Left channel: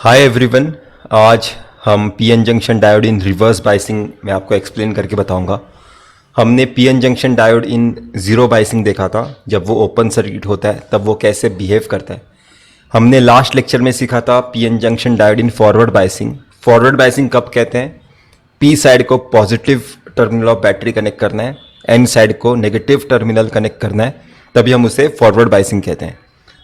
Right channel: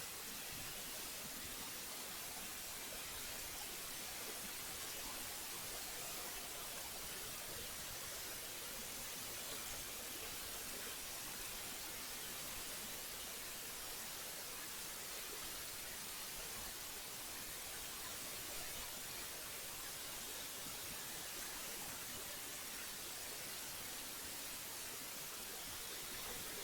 Hi everyone. आज हम PN junction diode in reverse biasing में आपको एक्सप्लेन करके बताऊंगा। हमने PN junction diode in zero biasing देखा था, जब वो ओपन सर्किट होता है तब वो कैसे बिहेव करता है। हमने लास्ट लेक्चर में सीखा था PN junction diode in forward biasing. Forward biasing कब कहते हैं? पी साइड को positive terminal of battery connect करना है, एन साइड को नेगेटिव टर्मिनल कनेक्ट करना है, तभी हम उसे फॉरवर्ड बाइसिंग कहते हैं।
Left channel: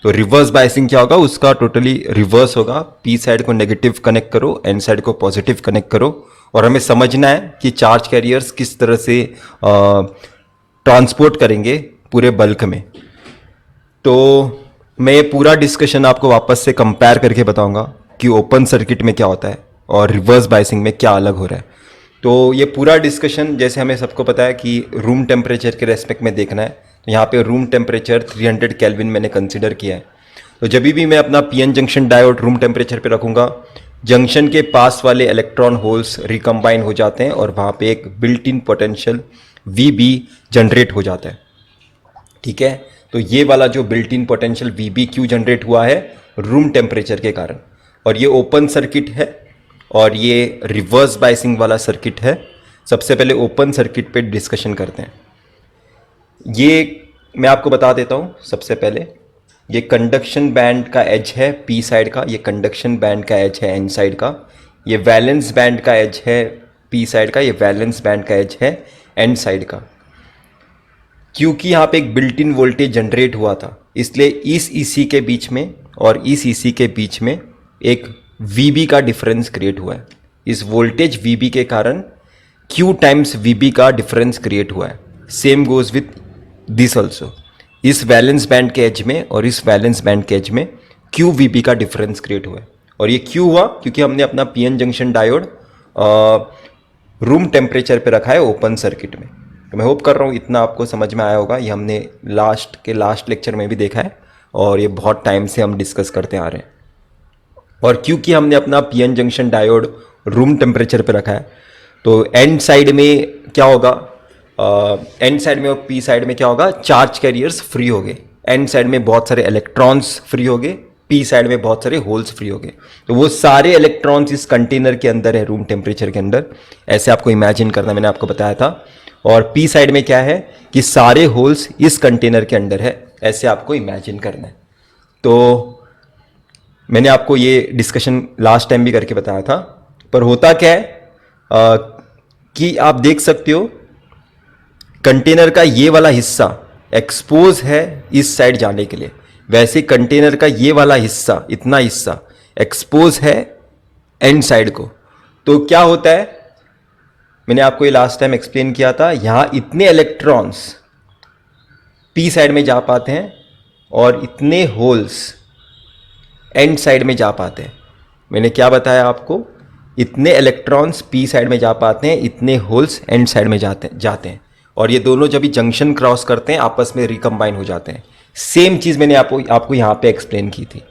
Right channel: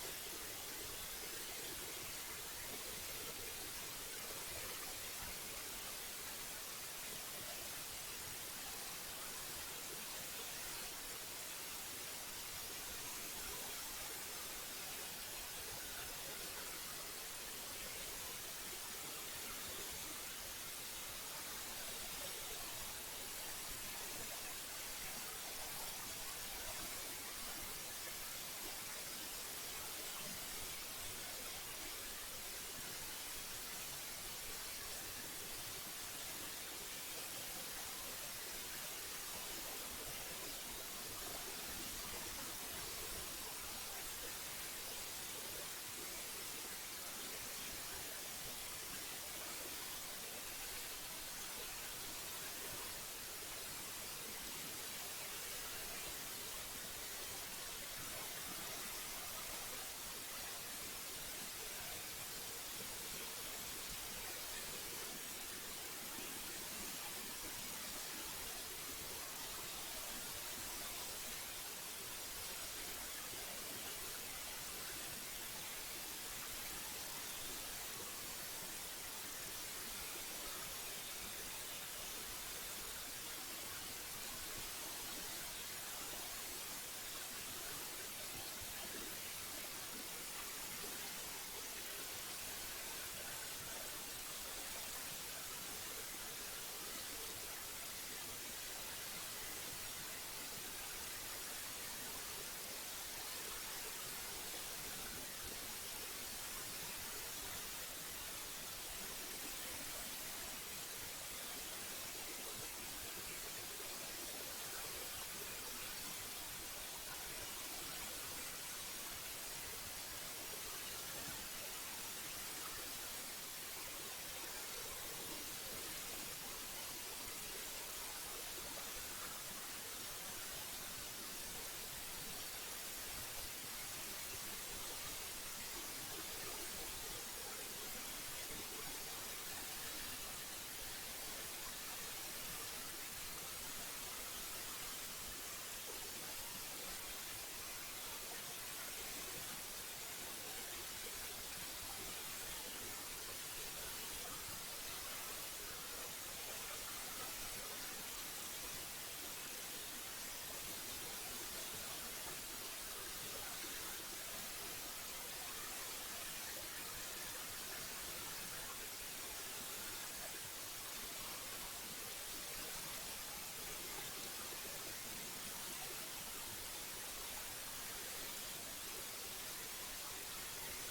तो रिवर्स बाइसिंग क्या होगा? उसका टोटली रिवर्स होगा। पी साइड को नेगेटिव कनेक्ट करो, एन साइड को पॉजिटिव कनेक्ट करो, और हमें समझना है कि चार्ज कैरियर्स किस तरह से ट्रांसपोर्ट करेंगे पूरे बल्क में। तो मैं ये पूरा डिस्कशन आपको वापस से कंपेयर करके बताऊंगा कि ओपन सर्किट में क्या होता है और रिवर्स बाइसिंग में क्या अलग हो रहा है। तो ये पूरा डिस्कशन, जैसे हमें सबको पता है कि रूम टेम्परेचर के रेस्पेक्ट में देखना है, यहाँ पे रूम टेम्परेचर 300 केल्विन मैंने कंसीडर किया है। तो जब भी मैं अपना PN junction diode room temperature पे रखूँगा, जंक्शन के पास वाले इलेक्ट्रॉन होल्स रिकम्बाइन हो जाते हैं और वहाँ पे एक built in potential VB generate हो जाता है। ठीक है, तो ये वाला जो बिल्ट इन पोटेंशियल वीबी क्यों जनरेट हुआ है? रूम टेम्परेचर के कारण। और ये ओपन सर्किट है और ये रिवर्स बाइसिंग वाला सर्किट है। सबसे पहले ओपन सर्किट पे डिस्कशन करते हैं। ये मैं आपको बता देता हूँ। सबसे पहले ये कंडक्शन बैंड का एज है पी साइड का, ये कंडक्शन बैंड का एज है एन साइड का, ये वैलेंस बैंड का एज है पी साइड का, ये वैलेंस बैंड का एज है एन साइड का। क्योंकि यहाँ पे एक बिल्ट इन वोल्टेज जनरेट हुआ था, इसलिए इस ईसी के बीच में और इस ईसी के बीच में एक वीबी का डिफरेंस क्रिएट हुआ है। इस वोल्टेज वीबी के कारण क्यू टाइम्स वीबी का डिफरेंस क्रिएट हुआ है। Same goes with this also. इस वैलेंस बैंड के एज में और इस वैलेंस बैंड के एज में क्यू वीबी का डिफरेंस क्रिएट हुआ है। और ये क्यों हुआ? क्योंकि हमने अपना PN junction diode room temperature पे रखा है ओपन सर्किट में। तो मैं होप कर रहा हूँ इतना आपको समझ में आया होगा। ये हमने लास्ट लेक्चर में भी देखा है और ये बहुत टाइम से हम डिस्कस करते आ रहे हैं। और क्योंकि हमने अपना PN junction diode room temperature पे रखा है, तो एन साइड में क्या होगा? एन साइड में और पी साइड में क्या होगा? चार्ज कैरियर्स फ्री हो गए। एन साइड में बहुत सारे इलेक्ट्रॉन्स फ्री हो गए, पी साइड में बहुत सारे होल्स फ्री हो गए। तो वो सारे इलेक्ट्रॉन्स इस कंटेनर के अंदर है, रूम टेम्परेचर के अंदर। ऐसे आपको इमेजिन करना, मैंने आपको बताया था। और पी साइड में क्या है कि सारे होल्स इस कंटेनर के अंदर है, ऐसे आपको इमेजिन करना है। तो मैंने आपको ये डिस्कशन लास्ट टाइम भी करके बताया था। पर होता क्या है कि आप देख सकते हो कंटेनर का ये वाला हिस्सा एक्सपोज है इस साइड जाने के लिए, वैसे कंटेनर का ये वाला हिस्सा, इतना हिस्सा एक्सपोज है एंड साइड को। तो क्या होता है, मैंने आपको ये लास्ट टाइम एक्सप्लेन किया था, यहां इतने इलेक्ट्रॉन्स पी साइड में जा पाते हैं और इतने होल्स एंड साइड में जा पाते हैं। मैंने क्या बताया आपको? इतने इलेक्ट्रॉन्स पी साइड में जा पाते हैं, इतने होल्स एंड साइड में जाते हैं। और ये दोनों जब भी जंक्शन क्रॉस करते हैं आपस में रिकम्बाइन हो जाते हैं। सेम चीज़ मैंने आपको यहाँ पे एक्सप्लेन की थी।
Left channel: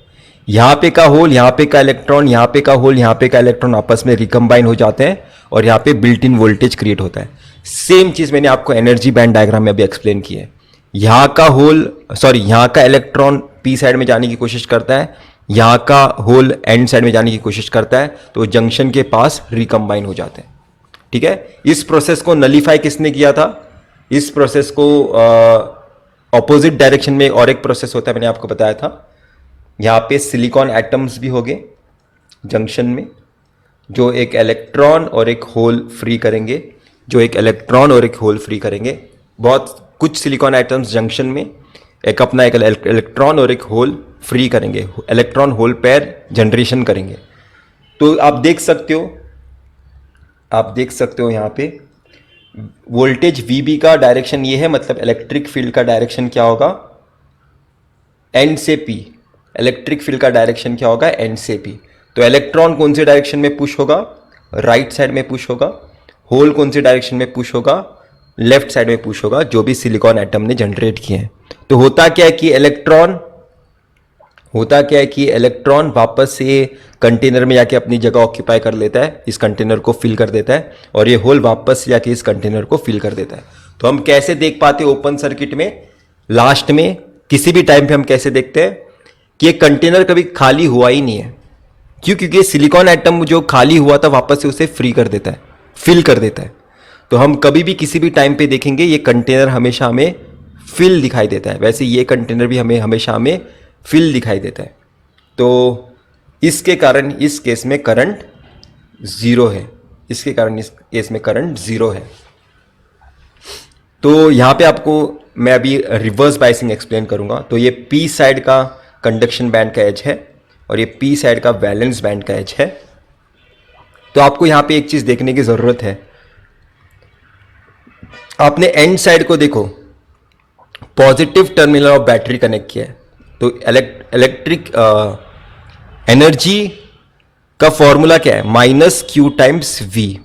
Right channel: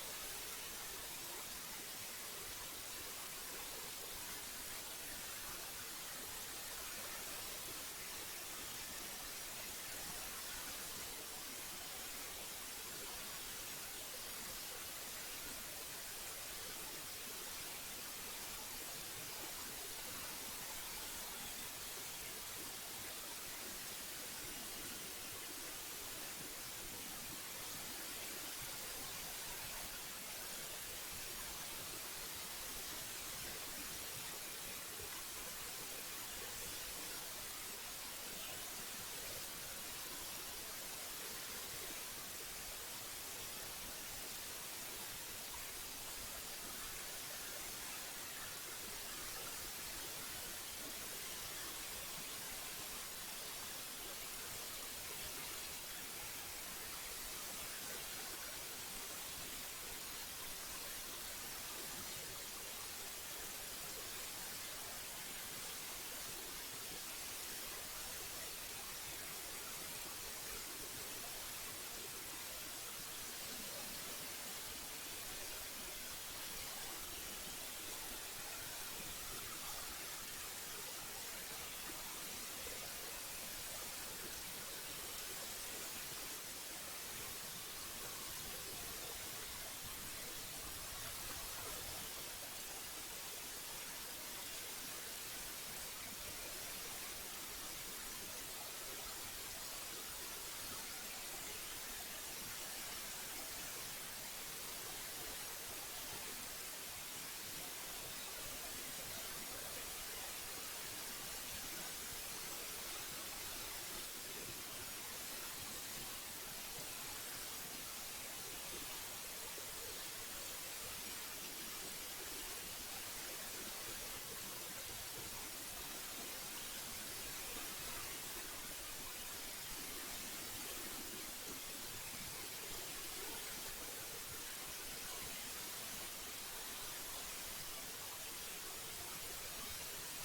यहाँ पे का होल, यहाँ पे का इलेक्ट्रॉन, यहाँ पे का होल, यहाँ पे का इलेक्ट्रॉन आपस में रिकम्बाइन हो जाते हैं और यहाँ पे बिल्ट इन वोल्टेज क्रिएट होता है। सेम चीज़ मैंने आपको एनर्जी बैंड डायग्राम में अभी एक्सप्लेन की है। यहाँ का होल, सॉरी, यहाँ का इलेक्ट्रॉन पी साइड में जाने की कोशिश करता है, यहाँ का होल एंड साइड में जाने की कोशिश करता है, तो जंक्शन के पास रिकम्बाइन हो जाते हैं। ठीक है, इस प्रोसेस को नलीफाई किसने किया था? इस प्रोसेस को ऑपोजिट डायरेक्शन में और एक प्रोसेस होता है, मैंने आपको बताया था। यहाँ पे सिलिकॉन एटम्स भी हो गए जंक्शन में, जो एक इलेक्ट्रॉन और एक होल फ्री करेंगे, बहुत कुछ सिलिकॉन एटम्स जंक्शन में एक अपना एक इलेक्ट्रॉन और एक होल फ्री करेंगे, इलेक्ट्रॉन होल पेयर जनरेशन करेंगे। तो आप देख सकते हो यहाँ पे वोल्टेज वीबी का डायरेक्शन ये है, मतलब इलेक्ट्रिक फील्ड का डायरेक्शन क्या होगा? एन से पी। इलेक्ट्रिक फील्ड का डायरेक्शन क्या होगा? एन से पी। तो इलेक्ट्रॉन कौन से डायरेक्शन में पुश होगा? राइट साइड में पुश होगा। होल कौन से डायरेक्शन में पुश होगा? लेफ्ट साइड में पुश होगा, जो भी सिलिकॉन एटम ने जनरेट किए हैं। तो होता क्या है कि इलेक्ट्रॉन वापस से कंटेनर में जाके अपनी जगह ऑक्यूपाई कर लेता है, इस कंटेनर को फिल कर देता है, और ये होल वापस से जाके इस कंटेनर को फिल कर देता है। तो हम कैसे देख पाते हैं ओपन सर्किट में? लास्ट में किसी भी टाइम पे हम कैसे देखते हैं कि ये कंटेनर कभी खाली हुआ ही नहीं है। क्यों? क्योंकि सिलिकॉन एटम जो खाली हुआ था वापस से उसे फ्री कर देता है, फिल कर देता है। तो हम कभी भी किसी भी टाइम पे देखेंगे ये कंटेनर हमेशा हमें फिल दिखाई देता है, वैसे ये कंटेनर भी हमें हमेशा हमें फिल दिखाई देता है। तो इसके कारण इस केस में करंट ज़ीरो है, इसके कारण इस केस में करंट ज़ीरो है। तो यहाँ पे आपको मैं अभी रिवर्स बाइसिंग एक्सप्लेन करूँगा। तो ये पी साइड का कंडक्शन बैंड का एज है और ये पी साइड का वैलेंस बैंड का एज है। तो आपको यहाँ पे एक चीज़ देखने की ज़रूरत है, आपने एंड साइड को देखो, positive terminal of battery connect किया है। तो इलेक्ट्रिक एनर्जी का फॉर्मूला क्या है? Minus Q times V.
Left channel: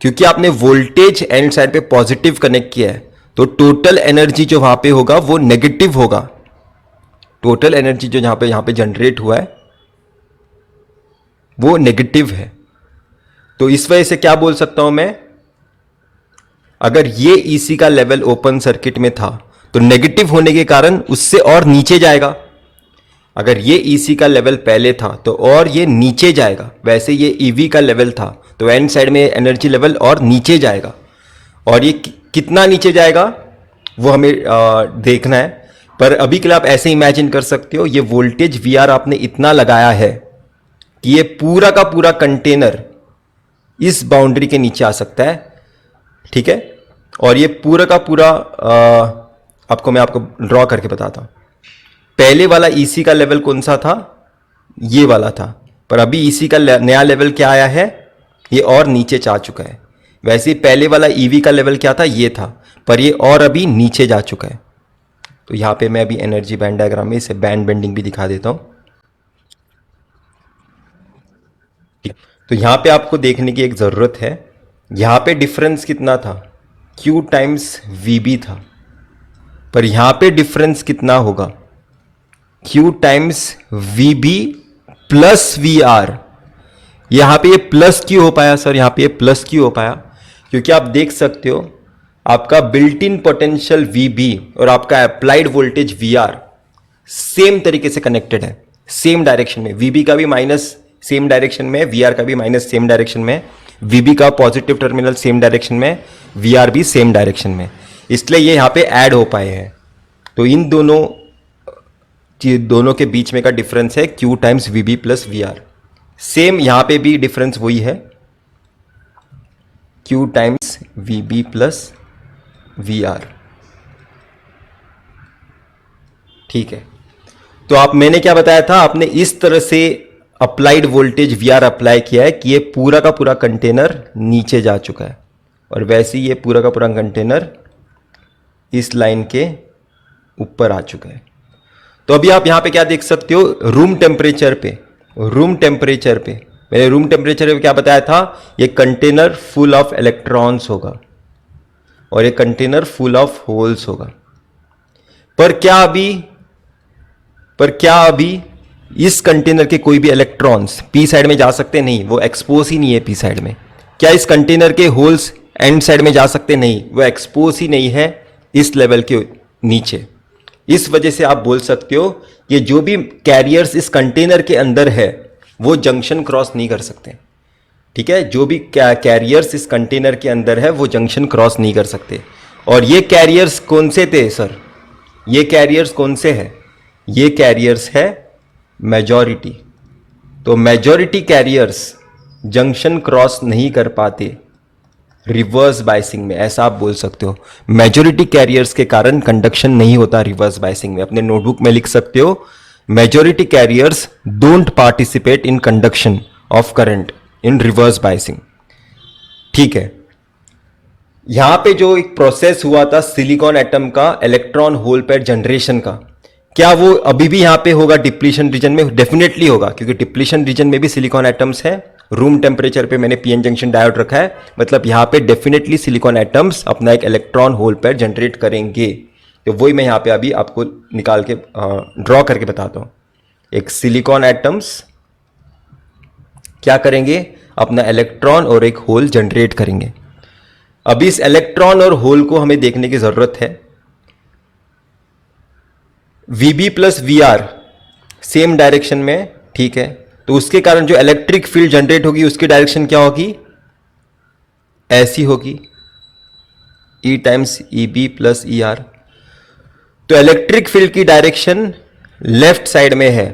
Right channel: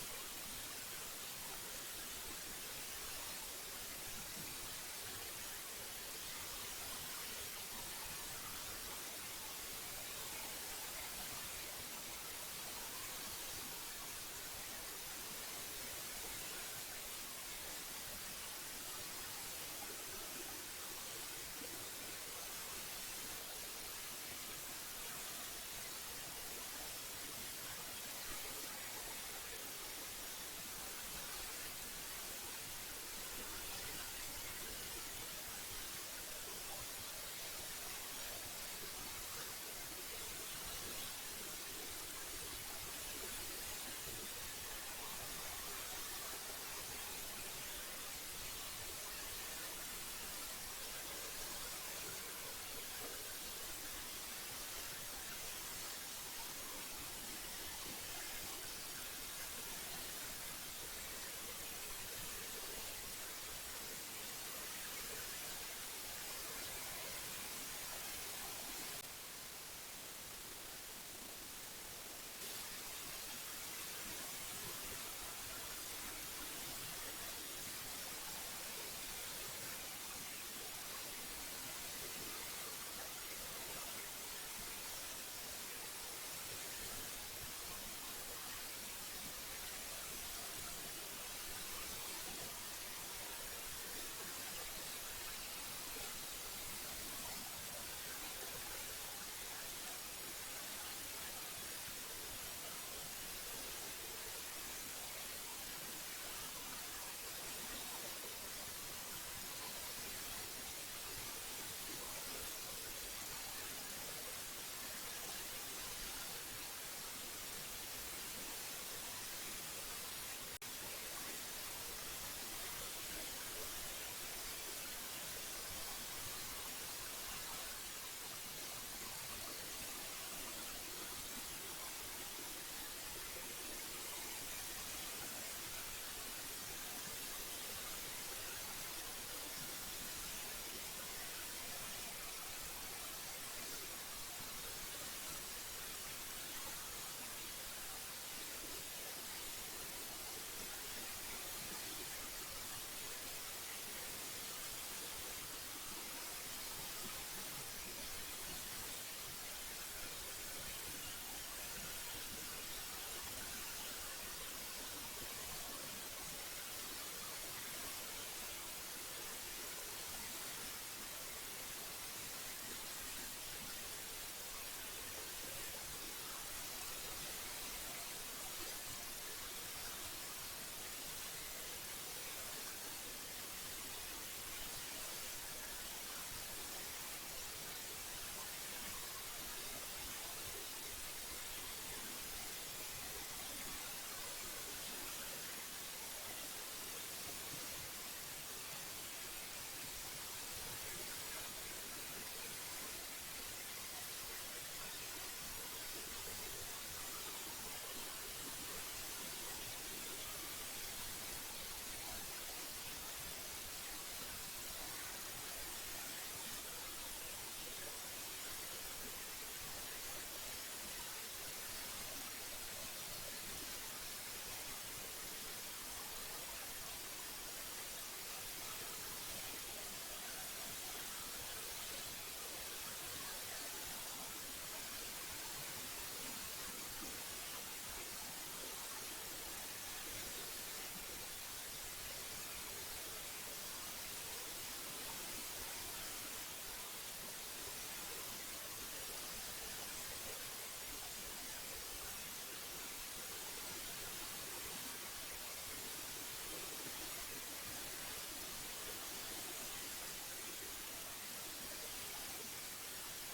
क्योंकि आपने वोल्टेज एंड साइड पे पॉजिटिव कनेक्ट किया है तो टोटल एनर्जी जो वहां पे होगा वो नेगेटिव होगा। टोटल एनर्जी जो यहां पे जनरेट हुआ है वो नेगेटिव है। तो इस वजह से क्या बोल सकता हूं मैं, अगर ये ईसी का लेवल ओपन सर्किट में था तो नेगेटिव होने के कारण उससे और नीचे जाएगा। अगर ये ईसी का लेवल पहले था तो और ये नीचे जाएगा। वैसे ये ईवी का लेवल था तो एंड साइड में एनर्जी लेवल और नीचे जाएगा। और ये कितना नीचे जाएगा वो हमें देखना है। पर अभी के लिए आप ऐसे इमेजिन कर सकते हो, ये वोल्टेज वीआर आपने इतना लगाया है कि ये पूरा का पूरा कंटेनर इस बाउंड्री के नीचे आ सकता है, ठीक है। और ये पूरा का पूरा मैं आपको ड्रॉ करके बताता हूं। पहले वाला ईसी का लेवल कौन सा था? ये वाला था। पर अभी ईसी का नया लेवल क्या आया है? ये और नीचे जा चुका है। वैसे ही पहले वाला ईवी का लेवल क्या था? ये था, पर ये और अभी नीचे जा चुका है। तो यहाँ पे मैं अभी एनर्जी बैंड डायग्राम में इसे बैंड बेंडिंग भी दिखा देता हूँ। तो यहाँ पे आपको देखने की एक ज़रूरत है, यहाँ पे डिफरेंस कितना था? Q टाइम्स VB था। पर यहाँ पे डिफरेंस कितना होगा? Q times VB plus VR। यहाँ पे ये प्लस क्यों हो पाया सर? यहाँ पे ये प्लस क्यों हो पाया? क्योंकि आप देख सकते हो आपका बिल्ट इन पोटेंशियल VB और आपका अप्लाइड वोल्टेज VR सेम तरीके से कनेक्टेड है, सेम डायरेक्शन में। VB का भी माइनस सेम डायरेक्शन में, VR का भी माइनस सेम डायरेक्शन में, VB का पॉजिटिव टर्मिनल सेम डायरेक्शन में, VR भी सेम डायरेक्शन में। इसलिए ये यहाँ पे ऐड हो पाए हैं। तो इन दोनों के बीच में का डिफरेंस है Q times VB plus VR। Same यहाँ पे भी डिफरेंस वही है, Q times VB plus VR, ठीक है। तो मैंने क्या बताया था? आपने इस तरह से अप्लाइड वोल्टेज VR अप्लाई किया है कि ये पूरा का पूरा कंटेनर नीचे जा चुका है और वैसे ही ये पूरा का पूरा कंटेनर इस लाइन के ऊपर आ चुका है। तो अभी आप यहाँ पे क्या देख सकते हो? रूम टेम्परेचर पे मैंने रूम टेम्परेचर पे क्या बताया था? ये कंटेनर फुल ऑफ इलेक्ट्रॉन्स होगा और ये कंटेनर फुल ऑफ होल्स होगा। पर क्या अभी इस कंटेनर के कोई भी इलेक्ट्रॉन्स पी साइड में जा सकते? नहीं, वो एक्सपोज ही नहीं है पी साइड में। क्या इस कंटेनर के होल्स एंड साइड में जा सकते? नहीं, वो एक्सपोज ही नहीं है इस लेवल के नीचे। इस वजह से आप बोल सकते हो कि जो भी कैरियर्स इस कंटेनर के अंदर है वो जंक्शन क्रॉस नहीं कर सकते, ठीक है। जो भी कैरियर्स इस कंटेनर के अंदर है वो जंक्शन क्रॉस नहीं कर सकते। और ये कैरियर्स कौन से थे सर? ये कैरियर्स कौन से हैं? ये कैरियर्स है मेजॉरिटी। तो मेजॉरिटी कैरियर्स जंक्शन क्रॉस नहीं कर पाते रिवर्स बाइसिंग में, ऐसा आप बोल सकते हो। मेजॉरिटी कैरियर्स के कारण कंडक्शन नहीं होता रिवर्स बाइसिंग में। अपने नोटबुक में लिख सकते हो, majority carriers don't participate in conduction of current in reverse biasing, ठीक है। यहां पे जो एक प्रोसेस हुआ था सिलिकॉन एटम का इलेक्ट्रॉन होल पेयर जनरेशन का, क्या वो अभी भी यहां पे होगा डिप्लीशन रीजन में? डेफिनेटली होगा, क्योंकि डिप्लीशन रीजन में भी सिलिकॉन एटम्स है। रूम टेम्परेचर पे मैंने पीएन जंक्शन डायोड रखा है, मतलब यहां पे डेफिनेटली सिलिकॉन एटम्स अपना एक इलेक्ट्रॉन होल पेयर जनरेट करेंगे। तो वही मैं यहां पे अभी आपको निकाल के ड्रॉ करके बताता हूं। एक सिलिकॉन एटम्स क्या करेंगे? अपना इलेक्ट्रॉन और एक होल जनरेट करेंगे। अभी इस इलेक्ट्रॉन और होल को हमें देखने की जरूरत है। VB plus VR same direction में, ठीक है। तो उसके कारण जो इलेक्ट्रिक फील्ड जनरेट होगी उसकी डायरेक्शन क्या होगी, ऐसी होगी, E times E B plus E R. तो इलेक्ट्रिक फील्ड की डायरेक्शन लेफ्ट साइड में है,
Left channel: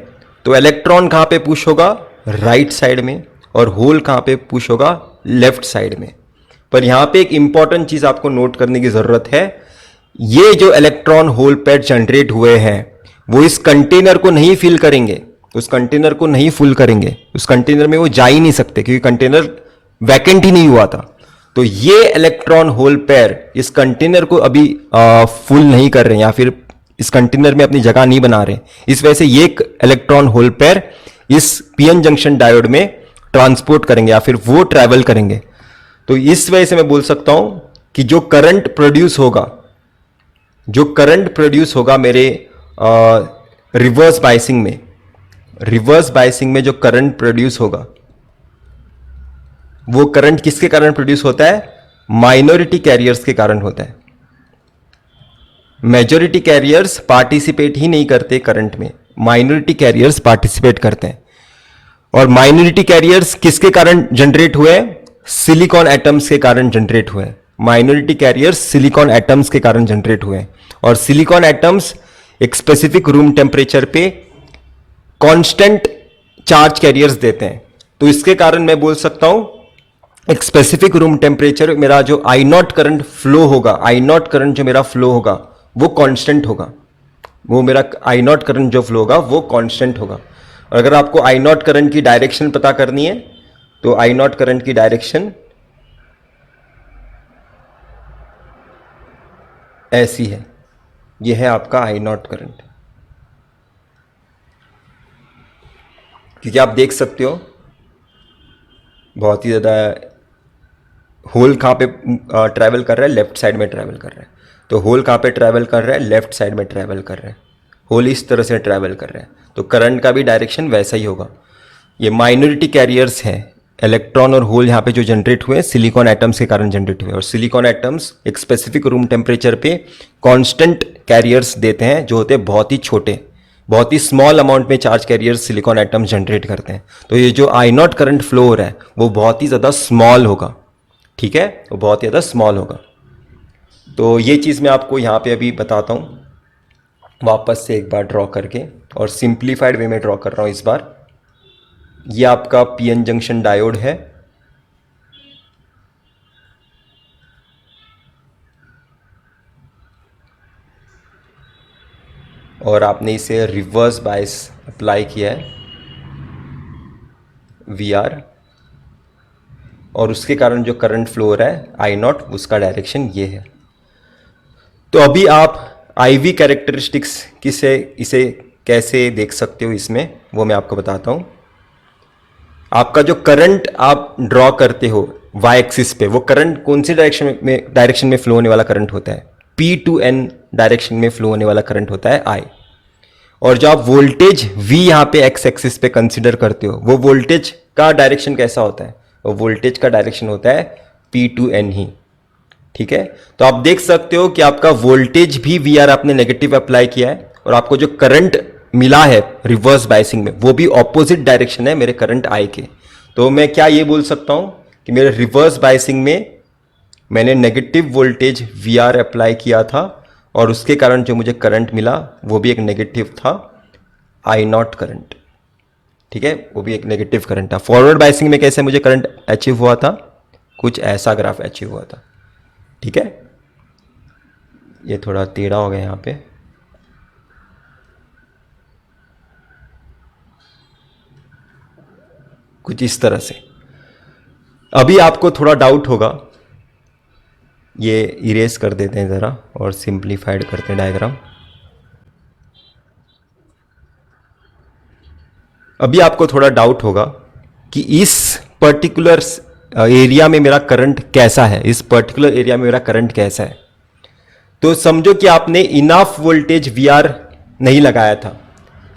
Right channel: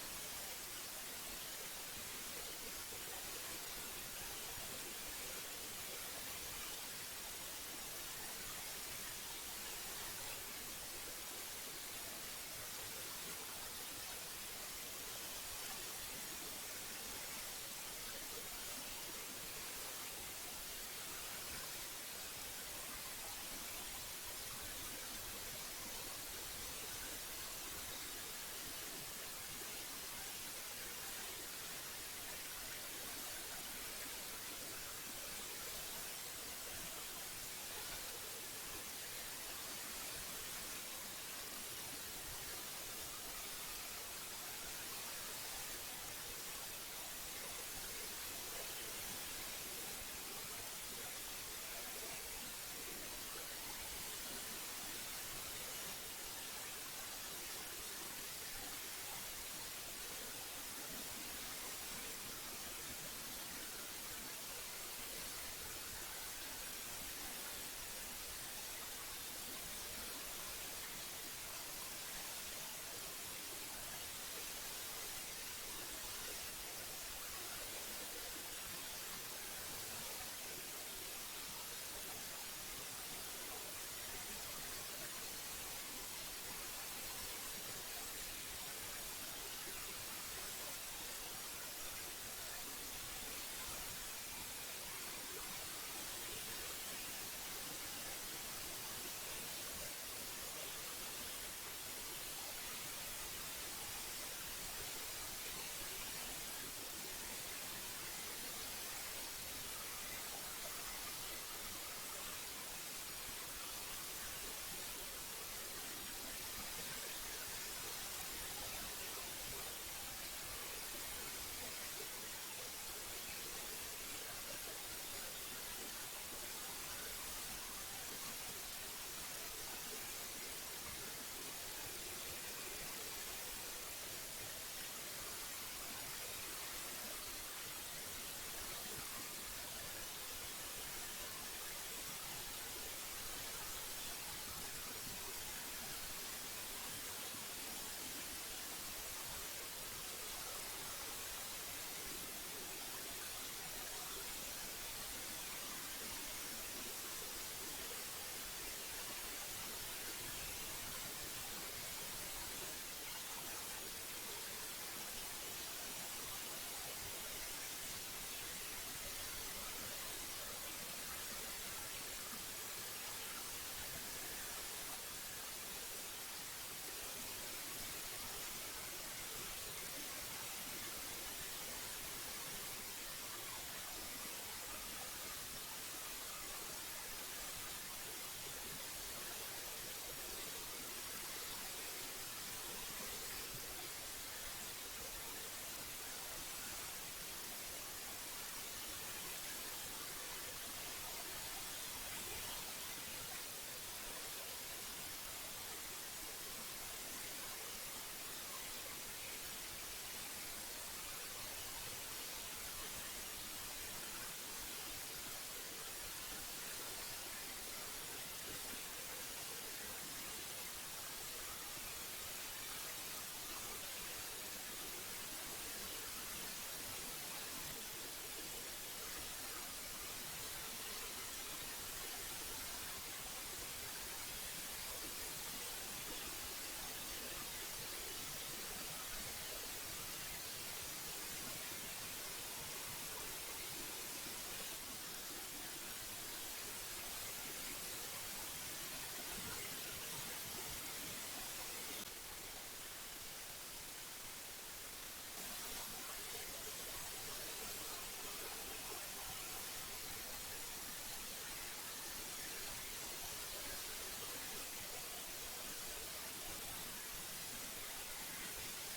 तो इलेक्ट्रॉन कहां पे पुश होगा, राइट साइड में, और होल कहां पे पुश होगा, लेफ्ट साइड में। पर यहां पे एक इंपॉर्टेंट चीज आपको नोट करने की जरूरत है, ये जो इलेक्ट्रॉन होल पेयर जनरेट हुए हैं वो इस कंटेनर को नहीं फिल करेंगे, उस कंटेनर को नहीं फुल करेंगे, उस कंटेनर में वो जा ही नहीं सकते क्योंकि कंटेनर वैकेंट ही नहीं हुआ था। तो ये इलेक्ट्रॉन होल पेयर इस कंटेनर को अभी फुल नहीं कर रहे हैं या फिर इस कंटेनर में अपनी जगह नहीं बना रहे, इस वजह से ये इलेक्ट्रॉन होल पेयर इस पीएन जंक्शन डायोड में ट्रांसपोर्ट करेंगे या फिर वो ट्रैवल करेंगे। तो इस वजह से मैं बोल सकता हूं कि जो करंट प्रोड्यूस होगा, जो करंट प्रोड्यूस होगा मेरे रिवर्स बायसिंग में, रिवर्स बायसिंग में जो करंट प्रोड्यूस होगा वो करंट किसके कारण प्रोड्यूस होता है, माइनॉरिटी कैरियर्स के कारण होता है। मेजॉरिटी कैरियर्स पार्टिसिपेट ही नहीं करते करंट में, माइनॉरिटी कैरियर्स पार्टिसिपेट करते हैं। और माइनॉरिटी कैरियर्स किसके कारण जनरेट हुए, सिलिकॉन एटम्स के कारण जनरेट हुए। माइनॉरिटी कैरियर्स सिलिकॉन एटम्स के कारण जनरेट हुए, और सिलिकॉन एटम्स एक स्पेसिफिक रूम टेम्परेचर पे कांस्टेंट चार्ज कैरियर्स देते हैं। तो इसके कारण मैं बोल सकता हूं एक स्पेसिफिक रूम टेम्परेचर मेरा जो आई नॉट करंट फ्लो होगा, आई नॉट करंट जो मेरा फ्लो होगा वो कांस्टेंट होगा, वो मेरा आई नॉट करंट जो फ्लो होगा वो कांस्टेंट होगा। और अगर आपको आई नॉट करंट की डायरेक्शन पता करनी है तो आई नॉट करंट की डायरेक्शन ऐसी है, ये है आपका आई नॉट करंट। क्योंकि आप देख सकते हो बहुत ही ज्यादा होल कहां पे ट्रैवल कर रहा है, लेफ्ट साइड में ट्रैवल कर रहा है। तो होल कहां पे ट्रैवल कर रहा है, लेफ्ट साइड में ट्रैवल कर रहा है, होल इस तरह से ट्रैवल कर रहा है, तो करंट का भी डायरेक्शन वैसा ही होगा। ये माइनॉरिटी कैरियर्स हैं, इलेक्ट्रॉन और होल यहाँ पे जो जनरेट हुए सिलिकॉन एटम्स के कारण जनरेट हुए, और सिलिकॉन एटम्स एक स्पेसिफिक रूम टेम्परेचर पे कांस्टेंट कैरियर्स देते हैं जो होते हैं बहुत ही छोटे, बहुत ही स्मॉल अमाउंट में charge carriers silicon atoms generate करते हैं। तो ये जो आई नॉट करंट फ्लो हो रहा है वो बहुत ही ज़्यादा स्मॉल होगा, ठीक है, वो बहुत ही ज़्यादा स्मॉल होगा। तो ये चीज़ मैं आपको यहाँ पे अभी बताता हूँ वापस से एक बार ड्रॉ करके, और सिंप्लीफाइड वे में ड्रॉ कर रहा हूँ इस बार। ये आपका पीएन जंक्शन डायोड है, और आपने इसे रिवर्स बायस अप्लाई किया है VR, और उसके कारण जो करंट फ्लो हो रहा है आई नॉट, उसका डायरेक्शन ये है। तो अभी आप IV कैरेक्टरिस्टिक्स किसे इसे कैसे देख सकते हो इसमें, वो मैं आपको बताता हूँ। आपका जो करंट आप ड्रॉ करते हो y एक्सिस पे, वो करंट कौन सी डायरेक्शन में फ्लो होने वाला करंट होता है, P to N डायरेक्शन में फ्लो होने वाला करंट होता है I। और जो आप वोल्टेज V यहाँ पे x एक्सिस पे कंसिडर करते हो, वो वोल्टेज का डायरेक्शन कैसा होता है, वो वोल्टेज का डायरेक्शन होता है P to N ही, ठीक है। तो आप देख सकते हो कि आपका वोल्टेज भी VR आपने नेगेटिव अप्लाई किया है, और आपको जो करंट मिला है रिवर्स बायसिंग में वो भी ऑपोजिट डायरेक्शन है मेरे करंट I के। तो मैं क्या ये बोल सकता हूं कि मेरे रिवर्स बायसिंग में मैंने नेगेटिव वोल्टेज VR अप्लाई किया था, और उसके कारण जो मुझे करंट मिला वो भी एक नेगेटिव था आई नॉट करंट, ठीक है, वो भी एक नेगेटिव करंट था। फॉरवर्ड बायसिंग में कैसे मुझे करंट अचीव हुआ था, कुछ ऐसा ग्राफ अचीव हुआ था, ठीक है। ये थोड़ा टेढ़ा हो गया यहाँ पे, कुछ इस तरह से। अभी आपको थोड़ा डाउट होगा, ये इरेज कर देते हैं ज़रा और सिंप्लीफाइड करते हैं डायग्राम। अभी आपको थोड़ा डाउट होगा कि इस पर्टिकुलर एरिया में मेरा करंट कैसा है, इस पर्टिकुलर एरिया में मेरा करंट कैसा है। तो समझो कि आपने इनफ वोल्टेज VR नहीं लगाया था,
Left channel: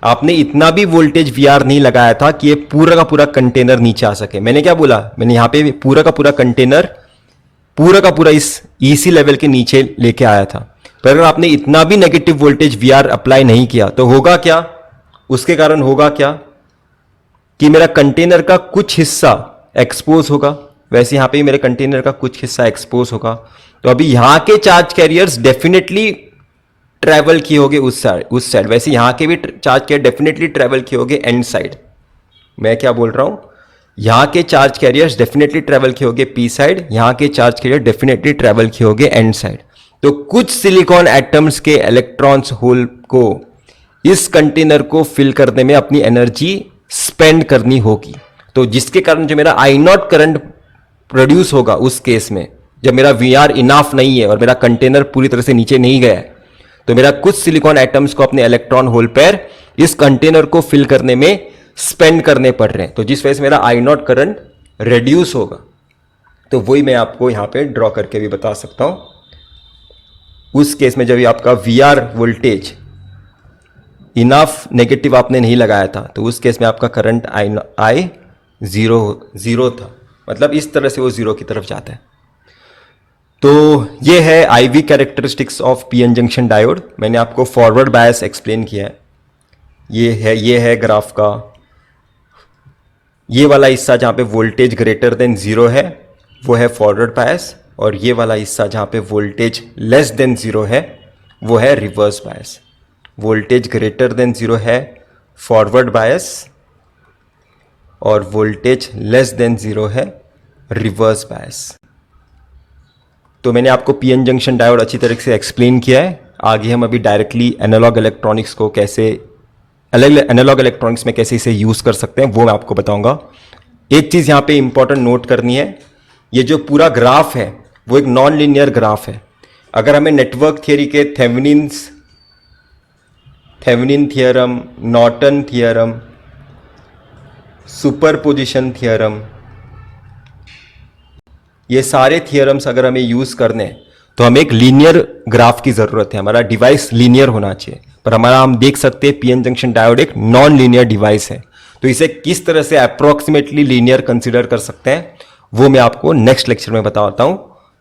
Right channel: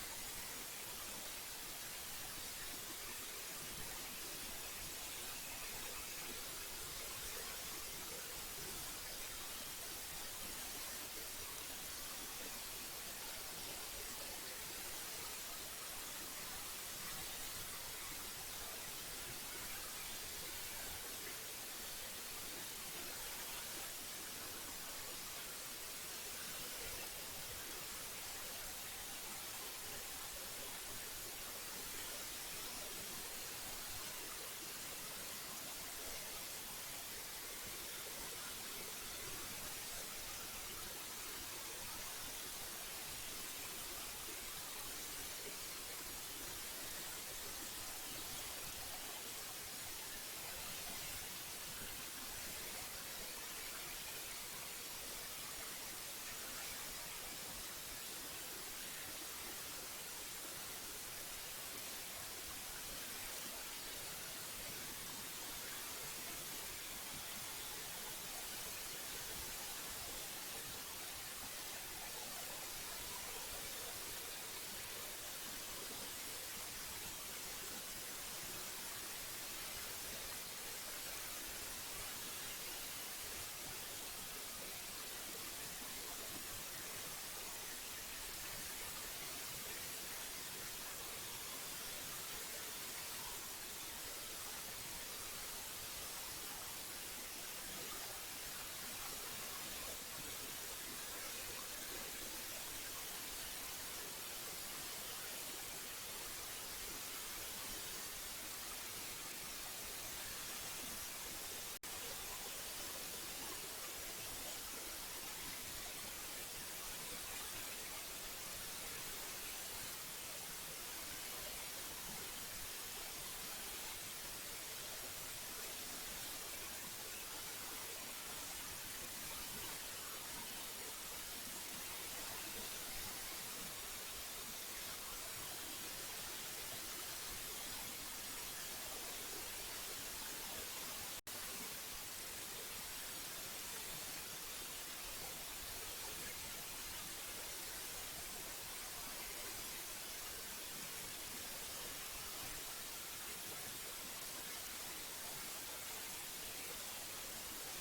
आपने इतना भी वोल्टेज VR नहीं लगाया था कि ये पूरा का पूरा कंटेनर नीचे आ सके। मैंने क्या बोला, मैंने यहाँ पे पूरा का पूरा कंटेनर पूरा का पूरा इस EC लेवल के नीचे लेके आया था। पर अगर आपने इतना भी नेगेटिव वोल्टेज VR अप्लाई नहीं किया तो होगा क्या, उसके कारण होगा क्या, कि मेरा कंटेनर का कुछ हिस्सा एक्सपोज होगा, वैसे यहाँ पे भी मेरे कंटेनर का कुछ हिस्सा एक्सपोज होगा। तो अभी यहाँ के चार्ज कैरियर्स डेफिनेटली ट्रैवल किए होंगे उस साइड, वैसे यहाँ के भी चार्ज कैरियर डेफिनेटली ट्रैवल किए होंगे एंड साइड। मैं क्या बोल रहा हूँ, यहाँ के चार्ज कैरियर्स डेफिनेटली ट्रैवल किए होंगे पी साइड, यहाँ के चार्ज कैरियर डेफिनेटली ट्रैवल किए होंगे एंड साइड। तो कुछ सिलिकॉन एटम्स के इलेक्ट्रॉन्स होल को इस कंटेनर को फिल करने में अपनी एनर्जी स्पेंड करनी होगी। तो जिसके कारण जो मेरा आई नॉट करंट प्रोड्यूस होगा उस केस में, जब मेरा वी आर इनाफ नहीं है और मेरा कंटेनर पूरी तरह से नीचे नहीं गया है, तो मेरा कुछ सिलिकॉन एटम्स को अपने इलेक्ट्रॉन होल पेयर इस कंटेनर को फिल करने में स्पेंड करने पड़ रहे हैं, तो जिस वजह से मेरा आई नॉट करंट रिड्यूस होगा। तो वही मैं आपको यहां पे ड्रॉ करके भी बता सकता हूं। उस केस में जब आपका V R voltage enough negative आपने नहीं लगाया था, तो उस केस में आपका करंट आई जीरो था, मतलब इस तरह से वो जीरो की तरफ जाता है। तो ये है IV characteristics of PN junction diode. मैंने आपको फॉरवर्ड बायस एक्सप्लेन किया है। ये है ग्राफ का ये वाला हिस्सा जहां पे वोल्टेज ग्रेटर देन जीरो है वो है फॉरवर्ड बायस, और ये वाला हिस्सा जहां पे वोल्टेज लेस देन जीरो है वो है reverse bias. Voltage greater than zero है फॉरवर्ड बायस और वोल्टेज लेस देन जीरो है रिवर्स बायस। तो मैंने आपको पीएन जंक्शन डायोड अच्छी तरह से एक्सप्लेन किया है। आगे हम अभी डायरेक्टली एनालॉग इलेक्ट्रॉनिक्स को कैसे एनालॉग इलेक्ट्रॉनिक्स में कैसे इसे यूज कर सकते हैं वो मैं आपको बताऊंगा। एक चीज यहां पे इंपॉर्टेंट नोट करनी है, ये जो पूरा ग्राफ है वो एक नॉन लीनियर ग्राफ है। अगर हमें नेटवर्क थियरी के Thevenin theorem, Norton theorem, superposition theorem, ये सारे थियरम्स अगर हमें यूज करने हैं तो हमें एक लीनियर ग्राफ की जरूरत है, हमारा डिवाइस लीनियर होना चाहिए। पर हमारा हम देख सकते हैं पीएन जंक्शन डायोड एक नॉन लीनियर डिवाइस है, तो इसे किस तरह से अप्रोक्सीमेटली लीनियर कंसीडर कर सकते हैं वो मैं आपको नेक्स्ट लेक्चर में बताता हूं।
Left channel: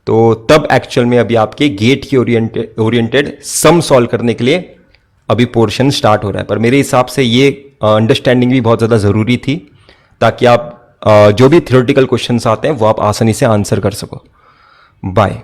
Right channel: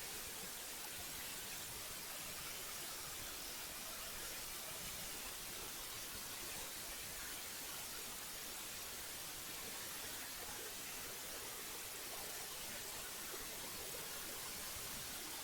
तो तब एक्चुअल में अभी आपके गेट की ओरिएंटेड सम सॉल्व करने के लिए अभी पोर्शन स्टार्ट हो रहा है। पर मेरे हिसाब से ये अंडरस्टैंडिंग भी बहुत ज़्यादा ज़रूरी थी, ताकि आप जो भी थ्योरेटिकल क्वेश्चंस आते हैं वो आप आसानी से आंसर कर सको। बाय।